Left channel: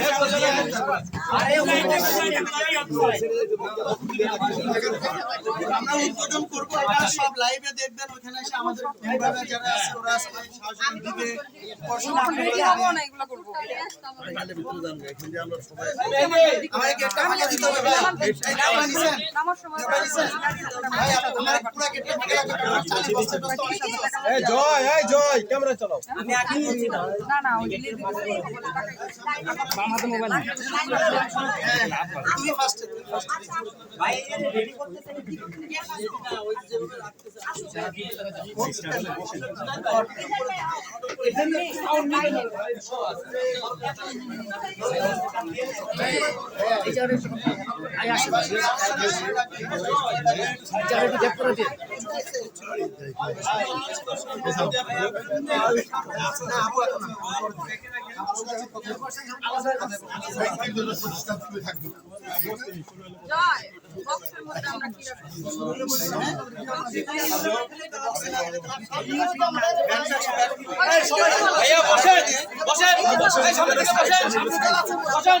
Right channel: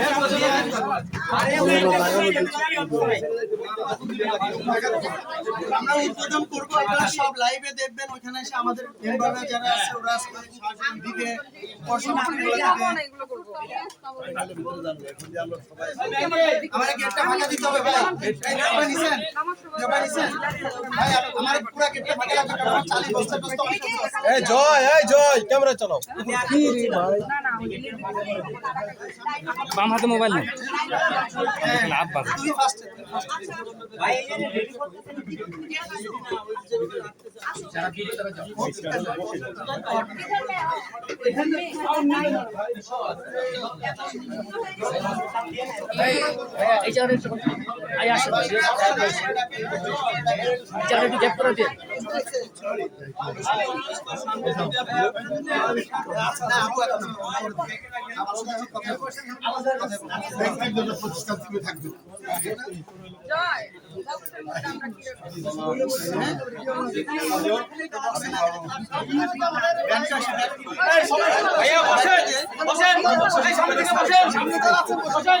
that was আমরা উদ্বোধন করব আপনারা সব লাইভে দেখবেন ওখানে এসে আমাদের মেম্বাররা যারা আছে ওরা আজকে দিবে। আমার গেটটা ফাঁকা দিতে হবে ভাই। এই নেওয়া নিছেন? নেওয়া নিছেন? ভাই আমার পুরো গেটটা ফাঁকা লাগবে কারণ আমার 40 বছর বয়স তো অনেক জয় এই জয় ক্যামেরা চালাও। বাম হাতে মোবাইল নেই। তুমি প্রতিষ্ঠান থেকে থাকবে ভাইয়া বসেন বসেন সামনে থেকে বসেন। সামনে তো বসেন।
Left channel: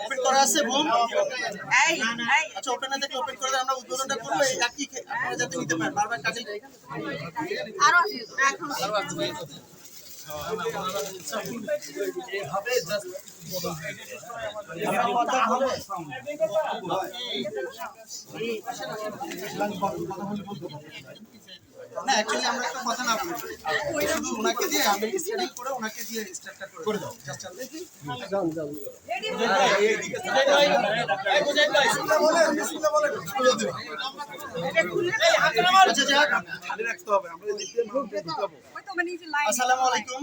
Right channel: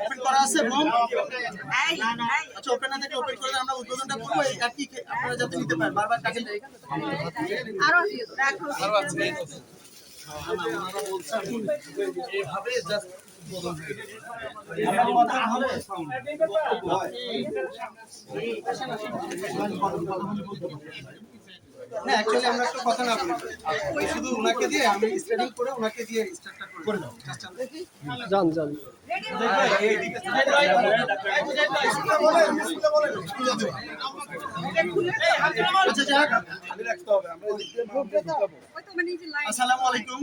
ওপেন করা আছে এই আচ্ছা ওপেন না থেকে ওপেন করে আমরা উদ্বোধনটা করব এই একই আপনারা যাতে নিতে পারেন বারবার টাকা না অ্যাকচুয়ালি আমরা একটা কথা না বলি শুধু ওনাকে দিয়ে আমি স্টার্টিং করে ওনাকে দিয়ে স্টার্টটা করে দাও জাস্ট আচ্ছা যাক আসসালামু আলাইকুম।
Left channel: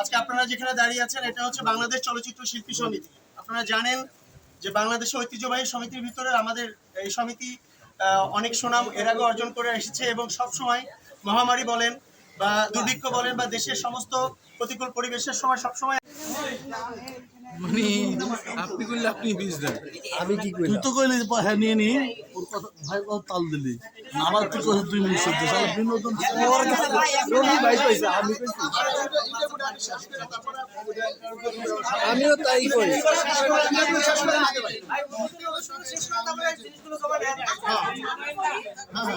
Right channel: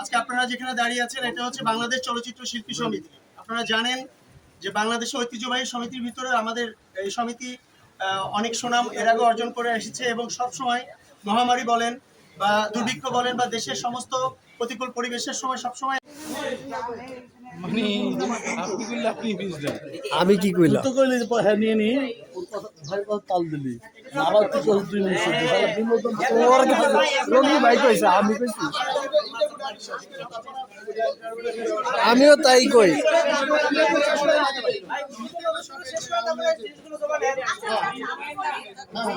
আজকে আপনারা যেখানে দাঁড়িয়ে আছেন এটা হচ্ছে বাংলাদেশ চলচ্চিত্র শিল্পী সমিতি। আপনারা জানেন যে বাংলাদেশ ঐতিহ্যবাহী সমিতির ভিতরে আমাদের এই সমিতি অনেক সুনাম এর আগে অর্জন করে এসেছে এবং সবসময় মহামারী বলেন বা দুর্ভিক্ষ বলেন বা দেশের সমস্ত প্রতিকূল পরিবেশের সময় আমি কি তো কইলি পয়সা নিয়ে নি ওর ভাই তাল দিলি আবার তুই কইলি তুই মিস করছিস বিনোদন রবি ভাই কইছে আমি কইছি আমিও তাই কই হ্যাঁ